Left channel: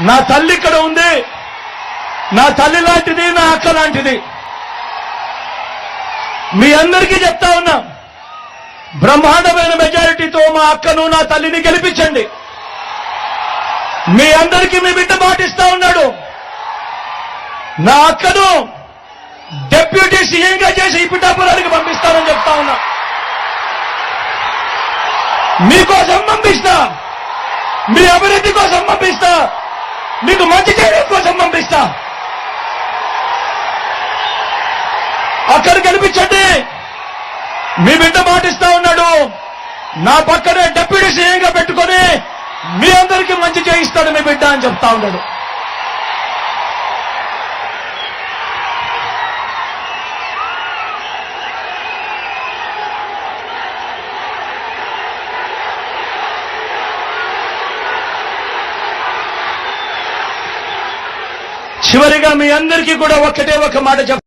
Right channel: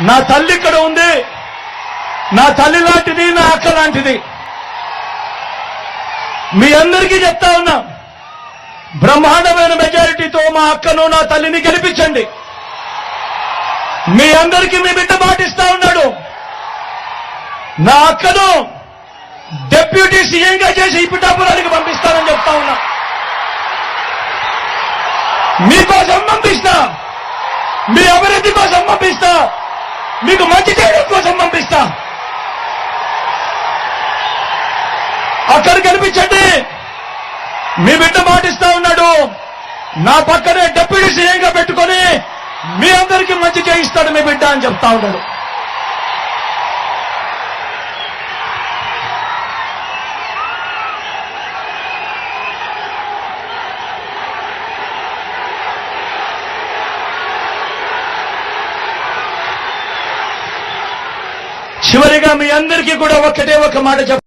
నా తల్లి ఇక్కడ ఉంది. నా తల్లి లాంటిది నా అక్క లాంటిది. మీ అందరికీ చెప్తా ఉన్నా బ్రహ్మాండమైన మెజారిటీతో మా అక్కను నా తల్లిని గెలిపించండి. మీ అందరికీ మీ బిడ్డ పాటిస్తా ఉన్నాడు. నా అక్కను డెప్యూటీ సీఎంగా చేసి ఈ పిఠాపురానికి పంపిస్తానని చెప్తా ఉన్నా. మీకోసం పంపిస్తా. మీ అభివృద్ధి కోసం పంపిస్తా. మీకు మంచి చేయడం కోసం పంపిస్తా. అక్కడ కనిపించండి. మీ బిడ్డ మాటిస్తా ఉన్నాడు. నా పక్కనే డెప్యూటీ సీఎంగా పెట్టుకొని మీ అందరికీ మంచి చేయిస్తాడు మీ బిడ్డ అని చెప్తా ఉన్నాడు. చివరిగా మీ అందరికీ కూడా ఒక్కటే ఒక మాట చెప్